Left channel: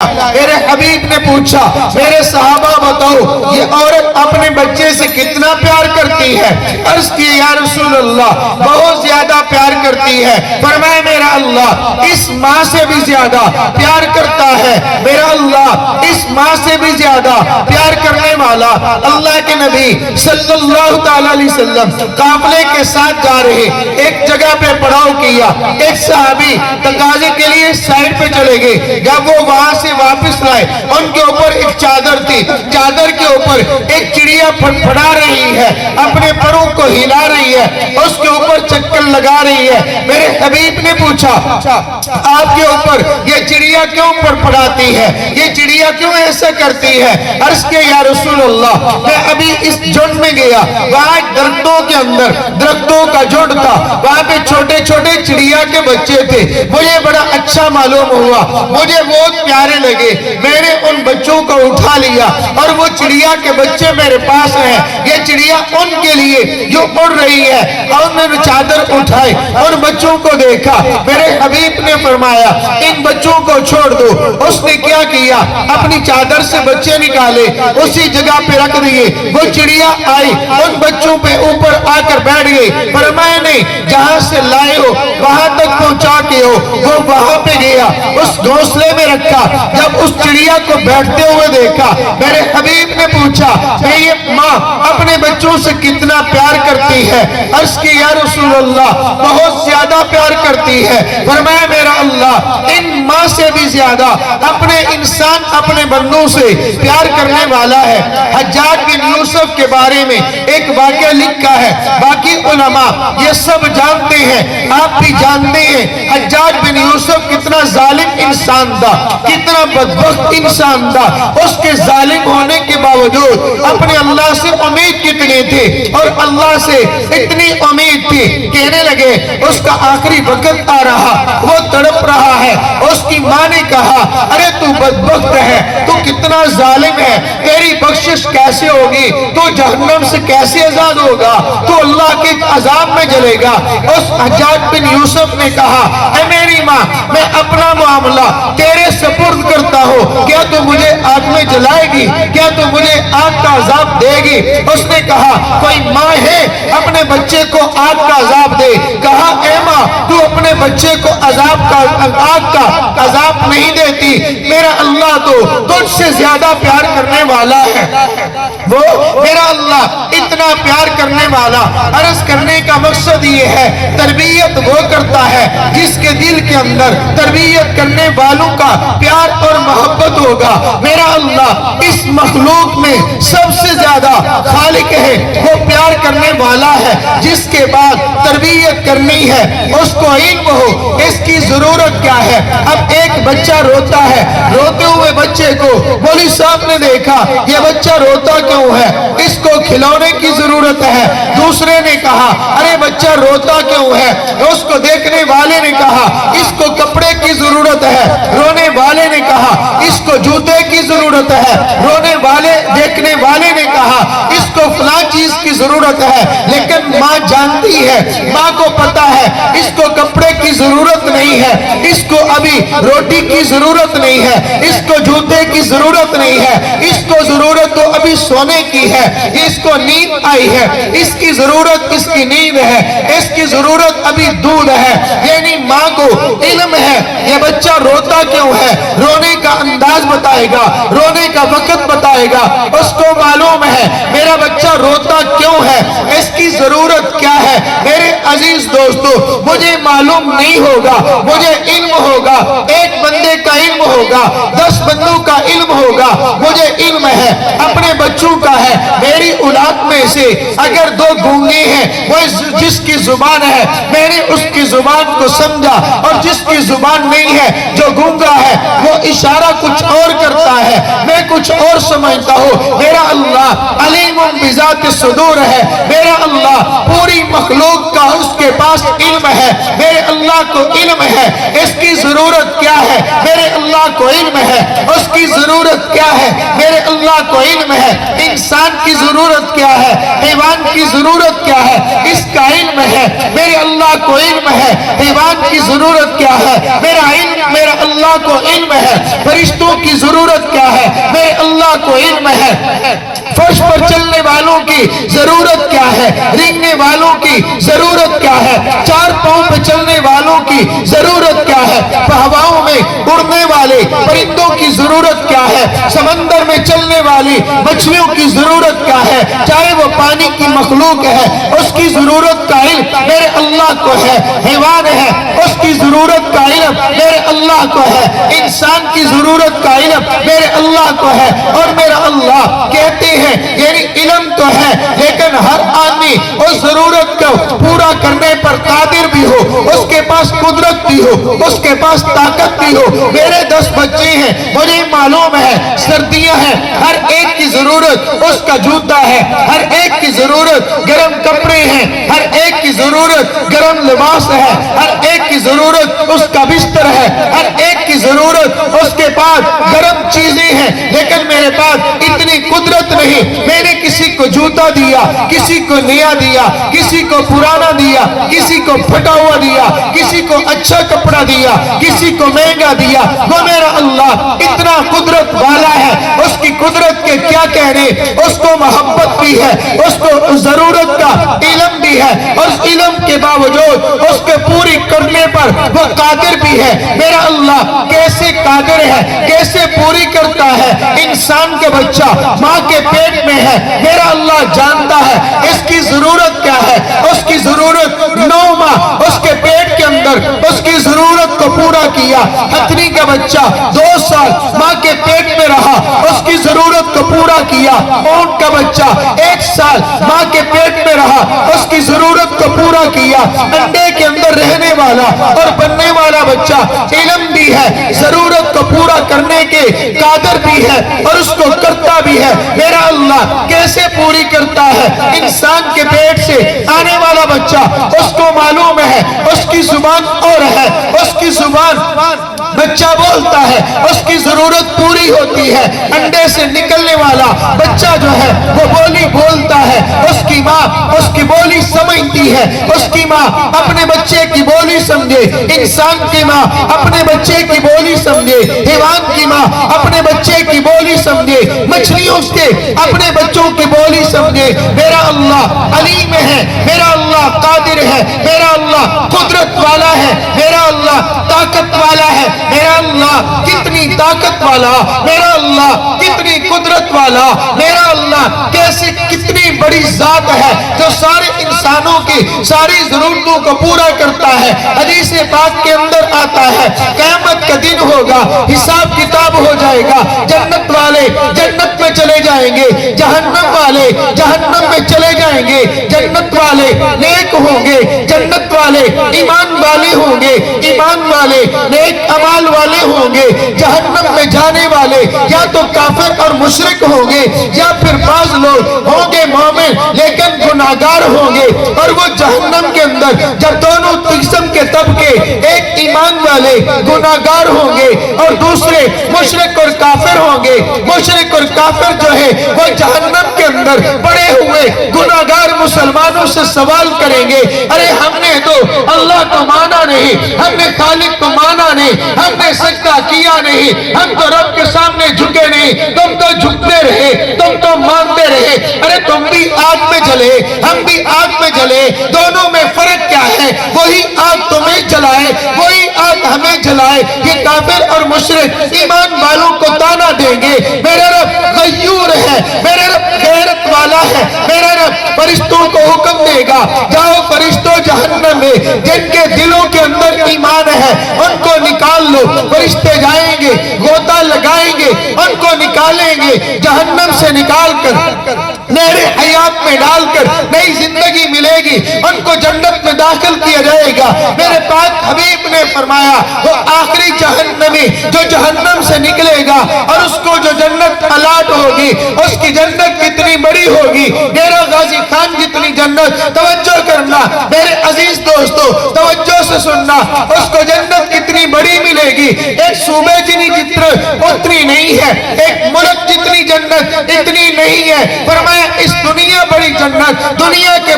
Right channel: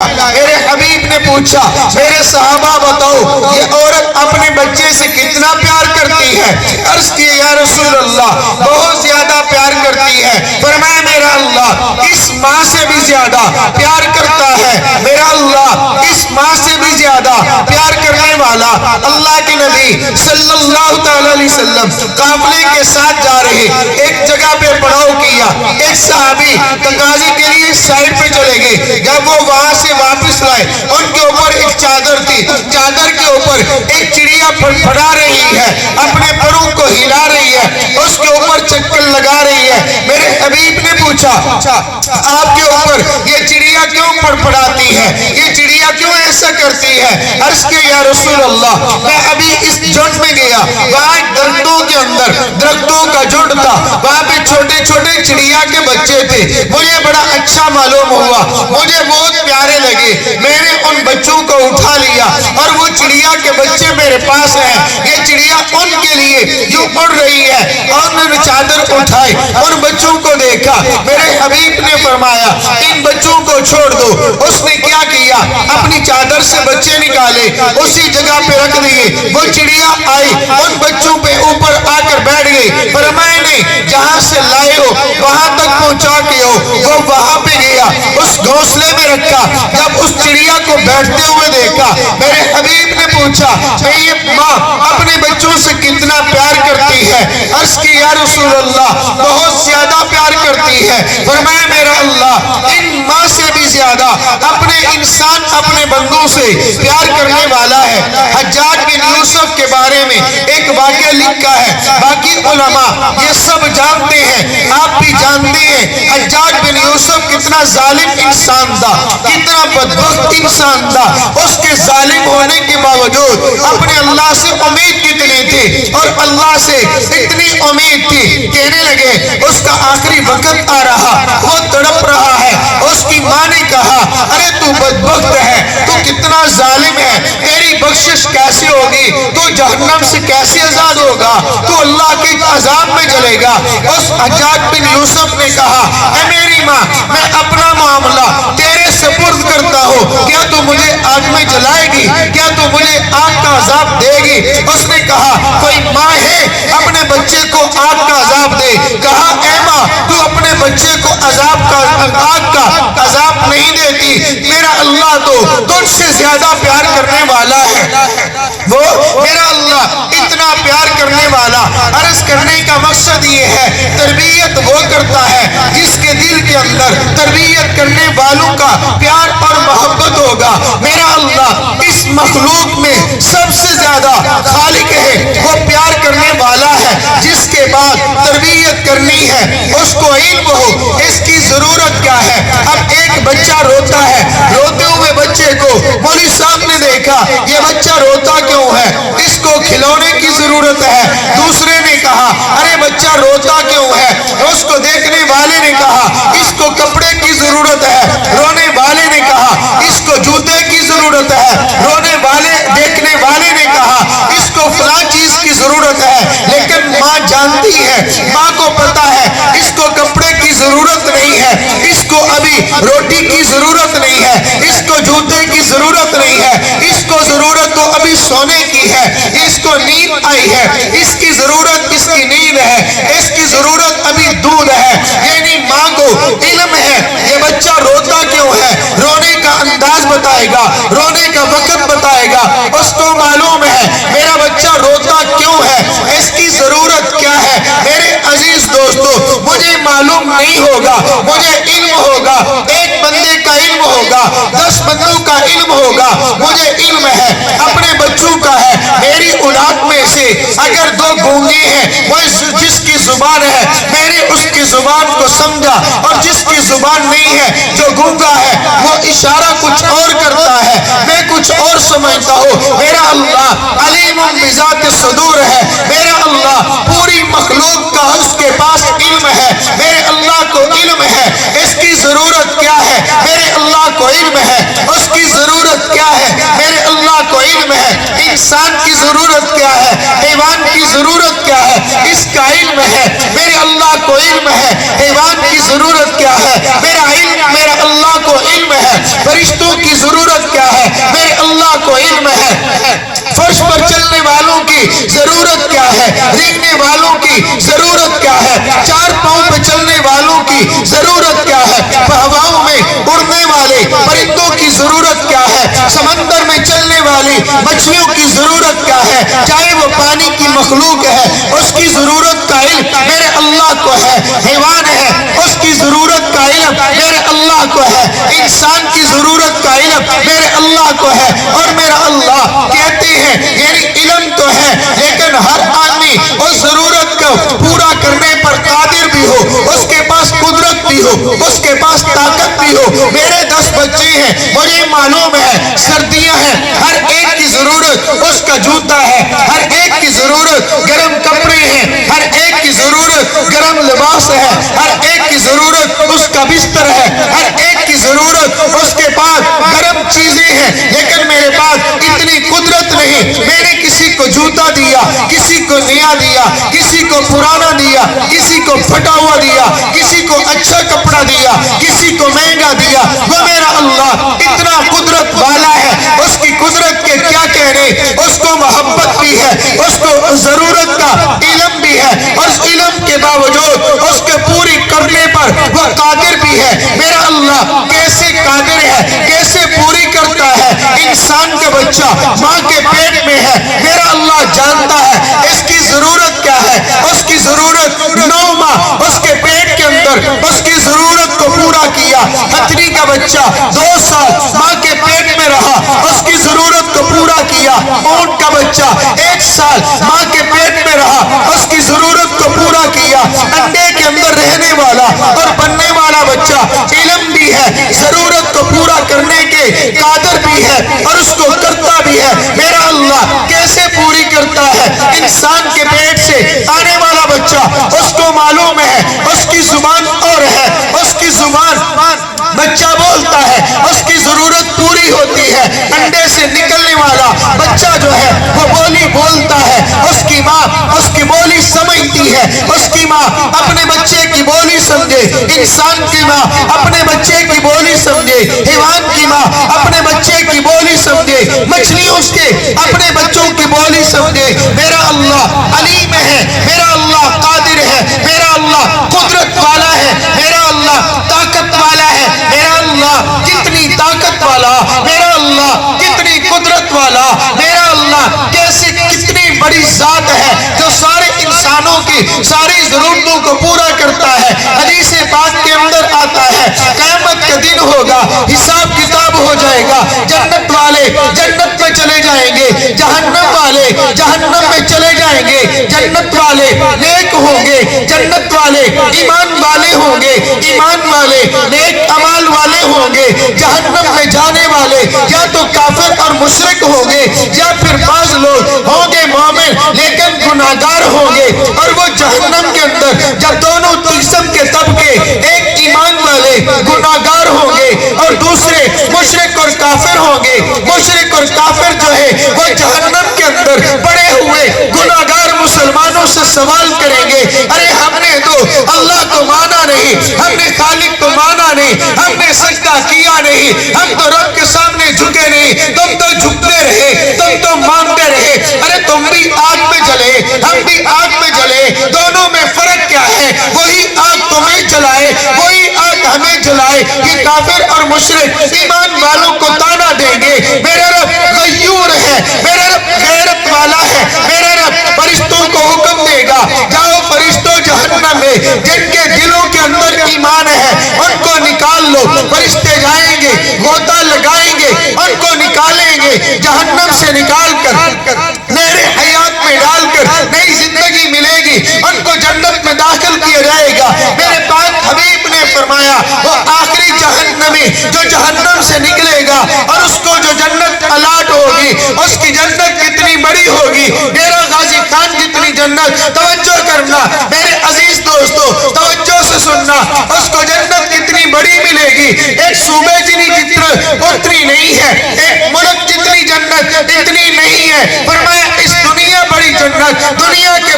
میرے حبیب نے پوچھا میرے صحابہ بتاؤ یہ عورت اپنے بچے سے کتنا پیار کرتی ہے؟ عرض کی یا رسول اللہ بہت زیادہ پیار کرتی ہے۔ فرمایا میرا اللہ اس ماں سے بھی زیادہ پیار کرتا ہے، میرا اللہ اس ماں سے بھی زیادہ پیار کرنے والا۔ اللہ کے نبی صلی اللہ تعالی علیہ وسلم قافلے کے ساتھ جا رہے، ایک جگہ پہ پڑاؤ کیا، ایک صحابی تقاضے کے لیے سائڈ پہ چلے گئے، جب وہ وہاں سے واپس لائے ان کے اوپر ایک چادر تھی، چادر کے اوپر ایک چڑیا پھڑا رہی ہے، اپنے پروں کو ہلا رہی ہے، اس کے اوپر چکر لگا رہی ہے۔ میرے حبیب نے پوچھا آپ کے اوپر یہ چڑیا کیوں پڑپڑاتی ہے، یہ چڑیا کیوں ایسا کرتی ہے؟ عرض کہ یا رسول اللہ میں ابھی اس جھنڈ میں گیا، وہاں درختوں کے اندر درختوں کا جھنڈ تھا، وہاں پہ چھوٹے چھوٹے چڑیا کے بچے تھے، مجھے بڑا اچھا معلوم ہوا، مجھے بہت پیارے لگے، میں نے ان بچوں کو اٹھا لیا اور وہ چڑیا کے بچے میرے پاس ہیں، یہ چڑیا ان کے لیے جو اڑ رہی ہے، اور میں نے چادر اٹھائی اور بچوں کو دیکھا۔ میرے حبیب نے فرمایا ان بچوں کو چھوڑ دو۔ اس نے کیا کیا، اپنی چادر سے بچے نکالے، اسی جگہ پہ رکھ دیے، وہ چڑیا آئی ان بچوں پہ اوپر آ کر بیٹھ گئی، فرمایا نہیں جہاں سے لائے ہو وہاں تک پہنچا کے ہو، وہ وہاں پہ گیا، اس گھونسلے میں رکھا، جب اس چڑیا کو بیٹھتے ہوئے دیکھا، میرے حبیب نے پوچھا کہ یہ ماں اپنے بچوں سے کتنا پیار کرتی ہے؟ عرض کی یا رسول اللہ بہت زیادہ پیار کرتی ہے۔ فرمایا میرا اللہ ان ماں سے بھی زیادہ اپنے انسان اپنے بندوں سے پیار کرنے والا ہے۔ حجاج بن یوسف کے بارے میں ایک واقعہ لکھا ہے، باقی علماء یہ سب جانتے ہیں، آپ بھی جانتے ہیں حجاج بن یوسف کتنا ظالم انسان تھا، کتنا بدبخت انسان تھا، اس کے ظالم ہونے کے باوجود اپنے اللہ سے امید کتنے تھے، اور اللہ سے اتنی امید تھی، کہنے لگے اس کا آخری وقت آ رہا، وہ تڑپ رہا ہے، اس کی ماں نے کہا ارے تو بدبخت ہے، تو کتنا ظالم ہے، تیری بخشش کیسے ہوگی، تو جہنم سے کیسے آزاد ہوگا، تو اللہ کے عذاب میں جلے گا۔ اس حجاج بن یوسف نے کہا اے میری ماں میں اپنا معاملہ تیرے سپرد کرتا ہوں، کیا تو مجھے آگ میں جلائے گی، کیا تو مجھے آگ کا عذاب دے گی؟ اس نے کہا کوئی ماں ہے اپنے بچے کو آگ کا عذاب دے؟ کہا اے ماں تو اپنے بچے کو آگ کا عذاب نہیں دیتی، میرا اللہ تو تجھ سے زیادہ پیار کرنے والا ہے، وہ میرا اللہ اتنا پیار کرنے والا۔ عرض کرنے کا مقصد یہ ہے تربیت وہ کرتا ہے جس کے دل کے اندر تربیت کرنے والوں کا پیار اور محبت ہوگا۔ میرا اللہ اس مخلوق میں سب سے زیادہ خالق ہے، وہ پیار کرنے والا ہے، جس کے بعد تربیت کرنی ہے، اس کو علم ہو اس کی ضرورت کیا ہے۔ اب ایک بچہ روتا ہے، روتے ہوئے بچے کو مولوی صاحب نے دیکھا یہ بچہ روتا کیوں ہے، اس کو کھلونے کی ضرورت ہے۔ دوسرے نے کہا ارے بچہ روتا کیوں ہے، اس کو دیکھنے والے نے کہا اس کو کپڑے کی ضرورت ہے، رونے والے نے کہا اس کو جوتے کی ضرورت ہے، رونے والے دیکھنے والے نے کہا اس کو فلاں چیز کی ضرورت ہے۔ لیکن ماں جانتی ہے، ماں کو پتا ہے اس کو کپڑے کی ضرورت نہیں ہے، اس کو ابھی روٹی کی ضرورت نہیں ہے، اس کو جوتے کی ضرورت نہیں ہے، اس کو ضرورت تو ابھی سونے کی ہے، اس کو نیند آئی ہے، اس کی ضرورت اس کی نیند ہے، اس کی ضرورت ابھی دودھ ہے۔ یعنی ماں کو علم ہے یہ بچہ روتا کیوں ہے، رونے کا انداز بتائے گا، رونے کا وقت بتائے گا، اس کو معلوم ہے میرا بچہ روتا کیوں ہے، اس کی ضرورت کیا ہے۔ میرے عزیز دوستو مجھے معلوم نہیں ہوگا، مجھے علم ہوگا، ایک بندے کا علم ہوگا، 10 بندوں کا علم ہوگا، مجھے علم ہے اپنے بچوں کا ہے۔ میری اولاد میں سے اگر 2 گونگے ہیں، وہ جس کی زبان ہے میں نے اس کی زبان کو سمجھا، اور جس کی زبان نہیں ہے جو گونگا ہے وہ اشارہ کچھ اور کرتا ہے، میں کچھ اور سمجھتا ہوں۔ میرا اللہ علیم بذات الصدور ہے، میرا اللہ پوری مخلوق کا اس کے پاس علم ہے، میرے اللہ کو علم ہے اس کی ضرورت کیا ہے، میرے اللہ کو علم ہے اس کی ضرورت کیا ہے، میرے اللہ کو علم ہے انسان کی ضرورت کیا ہے، حیوان کی ضرورت کیا ہے، اس کا علم ہے، میرے اللہ کو علم ہے حیوان کی ضرورت کیا ہے، میرا اللہ کو علم ہے فرشتوں کی والوں کی ضرورت کیا ہے، رینگنے والوں کی ضرورت کیا ہے، 4 پاؤں پہ چلنے والوں کی ضرورت کیا ہے، ہواؤں میں اڑنے والے پرندوں کی ضرورت کیا ہے، سمندر میں چلنے والی مچھلیوں کی ضرورت کیا ہے، چاہے وہ پانی کی مخلوق ہے اس کی ضرورت کا علم میرے اللہ کو ہے، حیوان ہے اس کی ضرورت کا علم میرے اللہ کو ہے، انسان کی ضرورت کا علم میرے اللہ کو ہے، اور میرا اللہ کہتے ہیں یعنی علم تو ہے لیکن ہر آدمی اس ضرورت کو پورا کرنے پر قادر بھی ہو، اس کے پاس قدرت بھی ہو، اس کے پاس طاقت بھی ہو۔ میرے 10 بچے ہیں، مجھے معلوم ہے سردیاں ہیں، ہر ایک کی ضرورت اس کا جوتا ہے، ہر ایک کی ضرورت گرم کپڑے ہیں، ہر ایک کی ضرورت گرم لباس ہے، ہر ایک کی ضرورت اس کا بستر ہے، ہر ایک کی ضرورت اس کے پاس گرم چیزیں ہیں، لیکن میرے پاس اتنی قدرت نہیں۔ میں نے کسی کو جوتا دیا، کسی کو نیا دیا، کسی کو پرانا دیا، کسی کو پھٹا ہوا دیا، کسی کو اچھا کپڑا دیا، کسی کو مہنگا دیا۔ وہ میرا اللہ اتنا قدرت والا ہے، اس کی قدرت کے کیا کہنے، اس کو محبت بھی ہے، اس کو ضرورت کا علم بھی ہے، اور اس علم کے باوجود اس کے پوری کرنے پر وہ قادر بھی ہے۔ میرا اللہ کیسے قادر ہے، کیسے پوری کرتا ہے۔ انسان کا بچہ ماں کے پیٹ میں ہے، میرا اللہ جانتا ہے اس کی ضرورت کیا ہے، اس کی ضرورت 9 ماہ اس کے پیٹ کے اندر اس کی ضرورت کو پورا کیا۔ ہتھنی کا بچہ 2 سال ماں کے پیٹ میں رہا، اس کی ضرورت کو پورا کیا۔ اونٹ کا بچہ 1 سال ماں کے پیٹ میں رہا، اس کی ضرورت کو پورا کیا۔ انڈے کے اندر رہنے والا اور بننے والا بچہ علم بھی ہے، ضرورت کو پورا کرنے کے قادر بھی ہے اور اس کو کرتا بھی ہے۔ میرا اللہ کیسے پوری کرتا ہے۔ انسان کے پیٹ سے آنے والا بچہ اس کو معلوم ہے اس کی زبان اور ہے، اس کی زبان بچہ بولتا ہے، اس کی ضرورت پوری ہوتی ہے۔ انڈے سے نکلنے والا بچہ جو ہے وہ بولی بولتا ہے، اس کی ماں اس کی بولی سمجھتی ہے، اس کی ماں اپنے بچے کی بولی سمجھے۔ انسان کی ماں اپنے بچے کی بولی سمجھے، حیوان کی ماں اپنے بچے کی بولی سمجھے، مچھلی اس کے اپنے بچوں کی بولی سمجھے۔ میرا اللہ علیم ہے، میرا اللہ قادر ہے، میرا اللہ قدرت والا ہے، میرا اللہ طاقت والا ہے، میرا اللہ کتنی طاقت والا، میرا اللہ کتنی قدرت والا، میرا اللہ کیسے کتنی بڑی ذات ہے جو سارے انسانوں کی ساری ضرورتوں کو پورا کرتا ہے۔ حدیث پاک کے اندر آتا ہے قیامت کا دن ہوگا، حساب کتاب ہو جائے گا، جنت والے جنت میں چلے جائیں گے، جہنم والے جہنم میں چلے جائیں گے، جنت والے نیک ہوں گے، جنت والے ایمان والے ہوں گے، ایمان والے نیک اعمال والے ہوں گے، جہنم میں جانے والے یا تو کافر اور مشرک ہوں گے یا پھر بعض لوگ ہوں گے مومن لیکن گناہگار ہوں گے۔ اور وہ جہنم کے اندر جب دونوں قسم کے طبقے، ایک ایمان والے گناہگار ہوں گے اور دوسرے مشرک اور کافر ہوں گے، مشرک اور کافر جو ہے وہ جہنم کے اندر پڑے ہوئے گناہگار مسلمانوں سے سوال کریں گے، ارے ہم نے تو اللہ کو مانا نہیں، ہم نے خالق کو مانا نہیں، ہم نے سجدہ کیا نہیں، ہم تو رب کے سامنے جھکے نہیں، تم تو جھکتے رہے، تم تو مانتے رہے، ارے تم بھی آگ میں جلے ہم بھی آگ میں جلے، دونوں میں فرق کیا ہے؟ وہی آگ تمہیں جلائے، وہی آگ ہمیں جلائے۔ یہ کافر اور مشرک ایمان والوں کو تانا دیں گے، میرا رب غیور ہے، میرا رب غیرت والا ہے، میرا رب فرشتوں کو حکم دے گا جاؤ فرشتوں جہنم میں جن کے دلوں کے اندر ایمان ہے ان کو نکال لو۔ فرشتے جائیں گے، غوطہ لگائیں گے، ان کو نکالیں گے، جہنم سے نکال کر نہر حیات میں ڈال کر نئی زندگی ملے گی، ان کو جنت میں داخل کیا جائے گا۔ میرے پاک حبیب نے فرمایا وہ آخری جہنمی جو جہنم سے نکلے گا اور اس کو جو جنت الاٹ ہوگی اس کی جنت کتنی بڑی ہوگی، میرا غازی خان جتنی جنت، توجہ کرنا میرے عزیز دوستو، توجہ سے سننا، اس کو جنت کتنی بڑی ملے گی، ایک صوبے اتنی نہیں ہے، ایک ملک جتنی جنت اتنی نہیں ہے۔ فرمایا اس دنیا بڑی جنت دنیا کے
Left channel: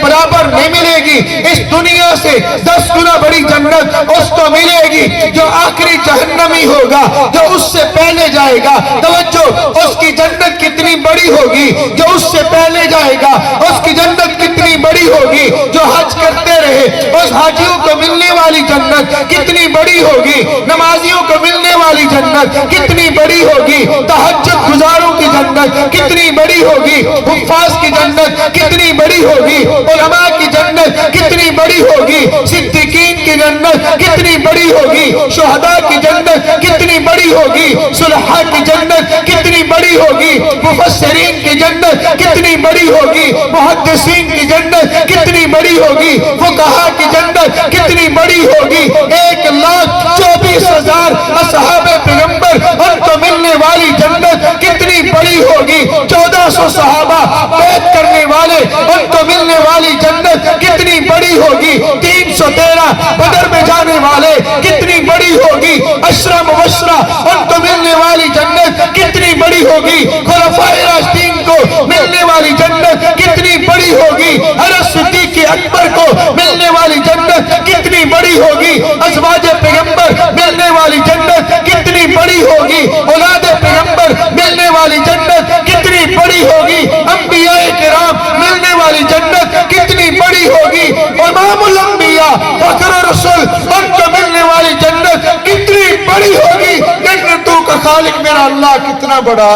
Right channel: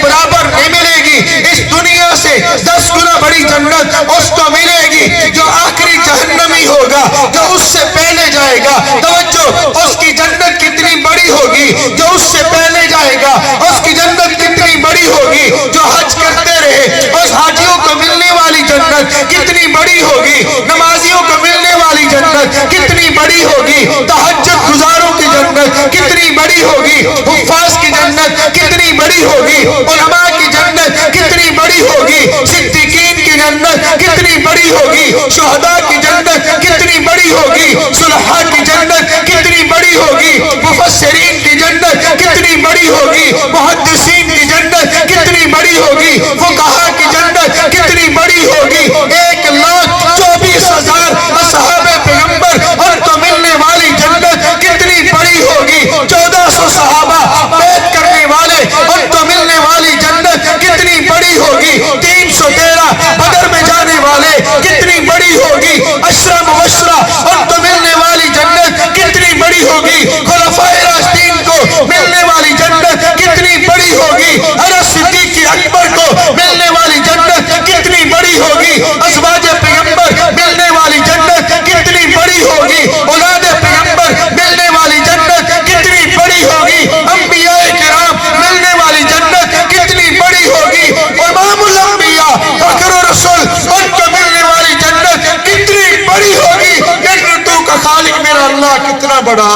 برابر نہیں ملے گی، گی اس دنیا سے 10 گنا بڑی جنت اس کو ملے گی جو آخری جہنمی ہوگا، جو اس سے پہلے جائے گا۔ توجہ، اس کی جنت کتنی بڑی ہوگی جو اس سے پہلے جائے گا، اس کی جنت کتنی بڑی ہوگی جو حج کرتے رہے، اس حاجیوں کو ملنے والی جنت کتنی بڑی ہوگی، نمازیوں کو ملنے والی جنت کتنی بڑی ہوگی، تہجد گزاروں کی جنت کتنی بڑی ہوگی، حفاظ کی جنت کتنی بڑی ہوگی، علماء کی جنت کتنی بڑی ہوگی، صدیقین کی جنت کتنی بڑی ہوگی، شہداء کی جنت کتنی بڑی ہوگی، صلحاء کی جنت کتنی بڑی ہوگی، مفسرین کی جنت کتنی بڑی ہوگی، محدثین کی جنت کتنی بڑی ہوگی، فقہاء کی جنت کتنی بڑی ہوگی۔ 1,24,000 اصحاب پیغمبر ان کو ملنے والی جنت کتنی بڑی ہوگی۔ 1400 صحابہ بیعت کرنے والے ان کو ملنے والی جنت کتنی بڑی ہوگی۔ 313 بدر میں جانے والے کتنی بڑی ہوگی۔ 10 مبشرہ ان کو ملنے والی جنت کتنی بڑی ہوگی۔ خلفائے راشدین کو ملنے والی جنت کتنی بڑی ہوگی۔ حضرت صدیق اکبر کو ملنے والی جنت کتنی بڑی ہوگی۔ ازواج پیغمبر ملنے والی جنت کتنی بڑی ہوگی۔ اولاد پیغمبر ملنے والی جنت کتنی بڑی ہوگی۔ انبیاء کرام ملنے والی جنت کتنی بڑی ہوگی۔ امام الانبیاء فخر رسول ان کو ملنے والی جنت کتنی بڑی ہوگی۔ جنتوں کا خالق میرا اللہ کتنا بڑا۔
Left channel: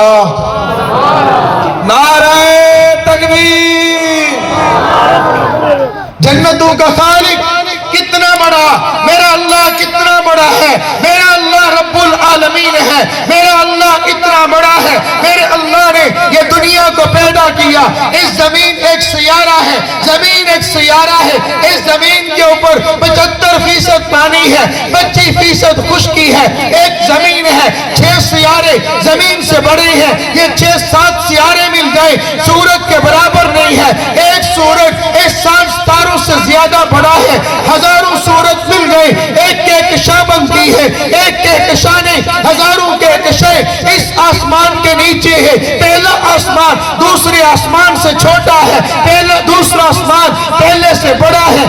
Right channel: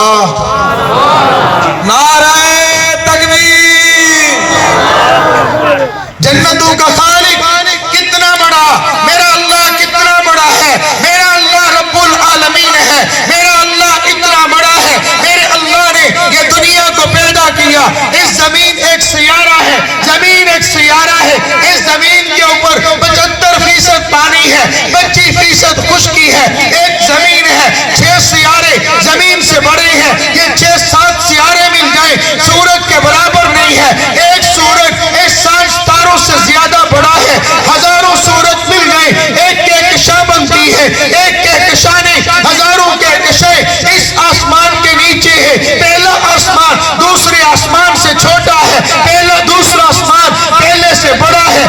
نعرہ تکبیر۔ جنتوں کا خالق کتنا بڑا، میرا اللہ کتنا بڑا ہے۔ میرا اللہ رب العالمین ہے، میرا اللہ اتنا بڑا ہے۔ میرے اللہ نے یہ دنیا کو پیدا کیا۔ اس زمین ایک سیارہ ہے، زمین ایک سیارہ ہے۔ اس زمین کے اوپر 75% پانی ہے، 25% خشکی ہے۔ ایک زمین ہے، 6 سیارے زمین سے بڑے ہیں۔ یہ 6-7 سیارے مل جائیں سورج کے برابر نہیں ہے۔ ایک سورج 60 ستاروں سے زیادہ بڑا ہے۔ ہزاروں سورج مل گئے، ایک کہکشاں بنتی ہے۔ ایک کہکشاں نے ہزاروں کہکشاں اس آسمان کے نیچے ہے۔ پہلا آسمان دوسرے آسمان سے چھوٹا ہے، دوسرا آسمان پہلے سے بڑا ہے،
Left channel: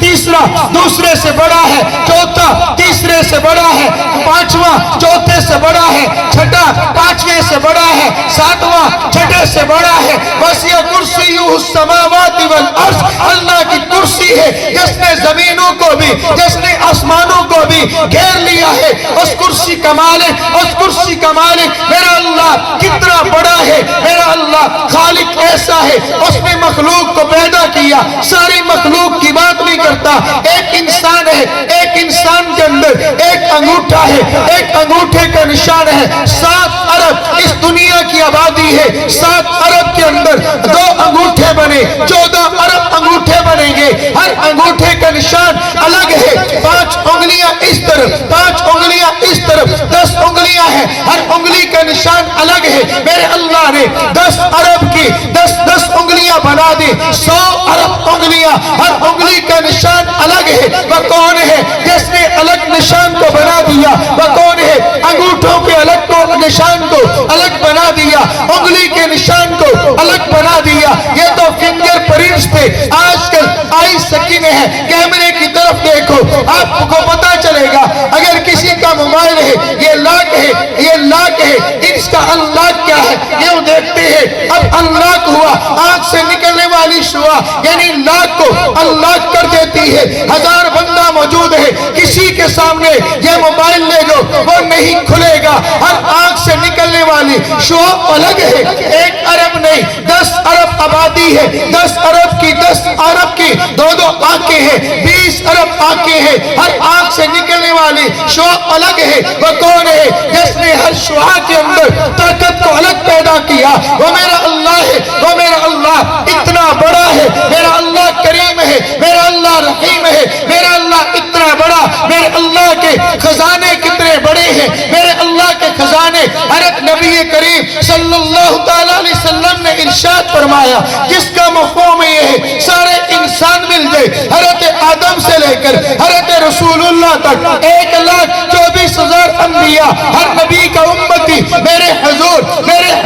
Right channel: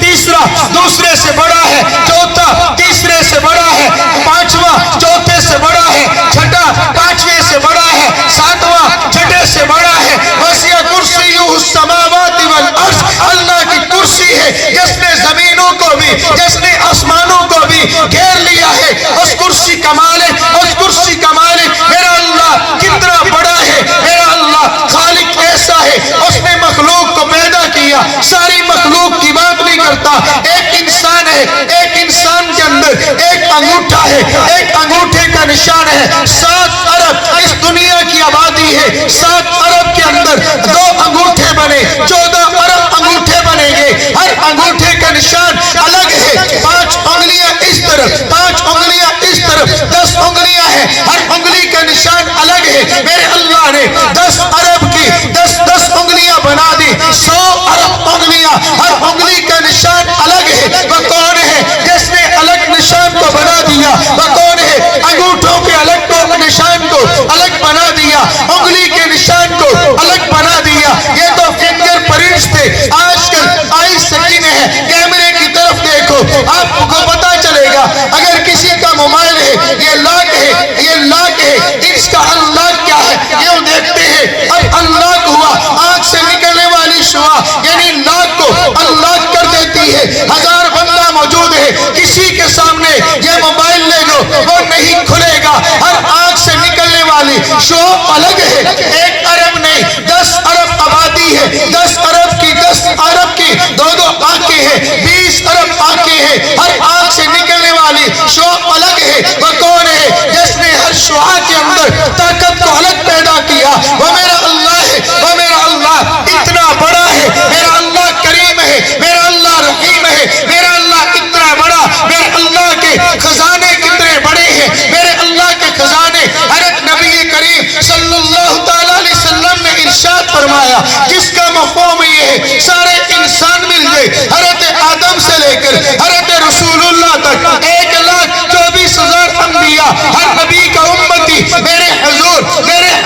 تیسرا دوسرے سے بڑا ہے، چوتھا تیسرے سے بڑا ہے، پانچواں چوتھے سے بڑا ہے، چھٹا پانچویں سے بڑا ہے، ساتواں چھٹے سے بڑا ہے۔ وسیع کرسیہ السماوات والارض، اللہ کی کرسی ہے جس نے زمینوں کو بھی، جس نے آسمانوں کو بھی گھیر لیا ہے۔ اس کرسی کا مالک، اس کرسی کا مالک میرا اللہ کتنا بڑا ہے۔ میرا اللہ خالق ایسا ہے، اس نے مخلوق کو پیدا کیا، ساری مخلوق کی بات نہیں کرتا۔ ایک انسان ہے، ایک انسان کے اندر ایک انگوٹھا ہے، ایک انگوٹھے کا نشان ہے۔ 7 ارب اس دنیا کی آبادی ہے، 7 ارب کے اندر 2 انگوٹھے بنے، 14 ارب انگوٹھے بنیں گے۔ ہر انگوٹھے کا نشان الگ ہے، 5 انگلیاں اس طرف، 5 انگلیاں اس طرف، 10 انگلیاں ہیں، ہر انگلی کا نشان الگ ہے۔ میرے اللہ نے 10 ارب کی 10 انگلیاں بنا دی، 100 ارب انگلیاں، ہر انگلی کا نشان الگ ہے۔ وہ کون ہے جس نے الگ نشان کو بنا دیا؟ وہ کون ہے انگوٹھوں کے الگ کو نشان کو الگ بنا دیا، انگلی کے نشان کو الگ بنا دیا؟ یہ تو فنگر پرنٹس تھے، آج کل آئی سکین ہے۔ کیمرے کی طرف دیکھو، آپ کو پتا چلے گا۔ اگر کسی کا موبائل ہے، یہ لاک ہے، یہ لاک ہے، اس کا انلاک کیا ہے یہ دیکھتے ہیں۔ اب انلاک ہوا، آنکھ سے نکلنے والی شعاع یعنی لاک کو انلاک کر دیتی ہے۔ 1000 بندہ موجود ہے، کسی کے سامنے یہ موبائل لے جو وہ نہیں کھلے گا۔ ہر آنکھ سے نکلنے والی شعاع الگ ہے، 1 ارب نہیں، 10 ارب آبادی ہے، 10 ارب کی 10 ارب کی 2 آنکھیں ہیں، 20 ارب آنکھیں ہیں، ہر آنکھ سے نکلنے والی شعاع الگ ہے۔ وہ کون ہے جس نے ہر شعاع کے اندر طاقت کو الگ پیدا کیا؟ وہ میرا اللہ ہے، وہ میرا اللہ اتنا بڑا ہے۔ میرا اللہ کریم ہے، میرا اللہ رحیم ہے، میرا اللہ اتنا بڑا۔ میرے اللہ کے خزانے کتنے بڑے ہیں، میرے اللہ کے خزانے۔ حضرت نبی کریم صلی اللہ تعالیٰ علیہ وسلم نے ارشاد فرمایا، جس کا مفہوم یہ ہے سارے انسان مل جائے، حضرت آدم سے لے کر حضرت رسول اللہ تک 1,24,000 انبیاء، ہر نبی کا امتی میرے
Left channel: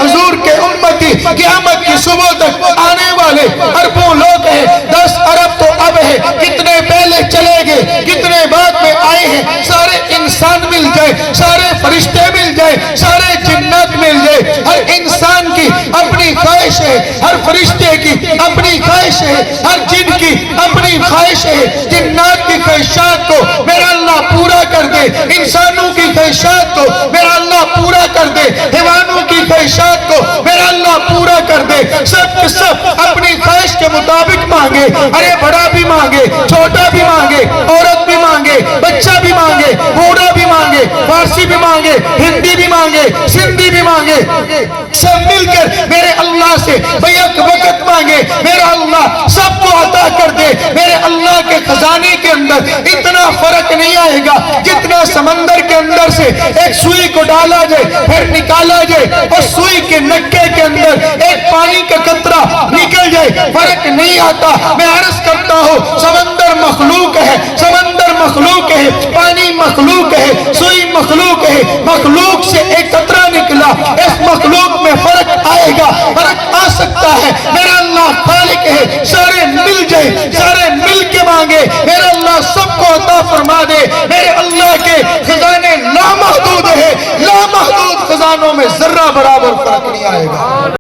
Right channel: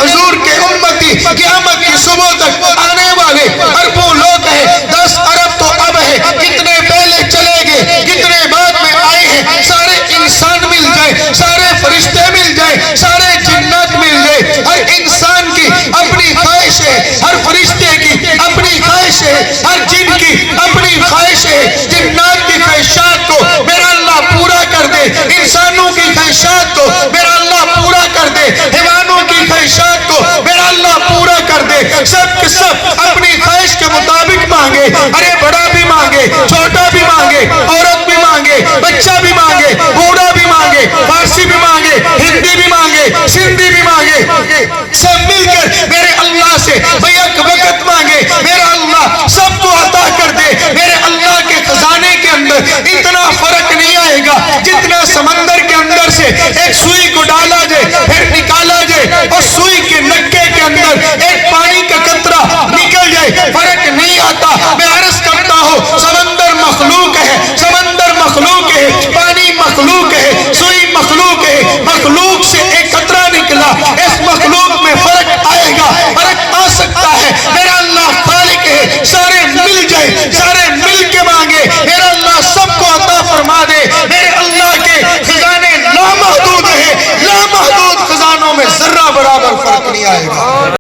حضور کے امتی قیامت کی صبح تک آنے والے اربوں لوگ ہیں۔ 10 ارب تو خواہش ہے، ہر جن کی اپنی خواہش ہے، جنات کی خواہشات کو میرا اللہ پورا کر دے، انسانوں کی خواہشات کو میرا اللہ پورا کر دے، حیوانوں کی خواہشات کو میرا اللہ پورا کر دے۔ سب کے سب اپنی خواہش کے مطابق مانگے، ارے بڑا بھی مانگے، چھوٹا بھی مانگے، عورت بھی مانگے، بچہ بھی مانگے، بوڑھا بھی مانگے، فارسی بھی مانگے، ہندی بھی مانگے، سندھی بھی مانگے، سب مل کر میرے اللہ سے بیک وقت مانگے، میرا اللہ سب کو عطا کر دے۔ میرے اللہ کے خزانے کے اندر اتنا فرق نہیں آئے گا جتنا سمندر کے اندر سے ایک سوئی کو ڈالا جائے پھر نکالا جائے اور سوئی کے نکے کے اندر ایک پانی کا قطرہ نکل جائے، فرق نہیں آتا۔ میں عرض کرتا ہوں سمندر مخلوق ہے، سمندر مخلوق ہے، پانی مخلوق ہے، سوئی مخلوق ہے، مخلوق سے ایک قطرہ نکلا، اس مخلوق میں فرق آئے گا، فرق آ سکتا ہے۔ میرا اللہ خالق ہے، سارے مل جائیں، سارے مل کے مانگے۔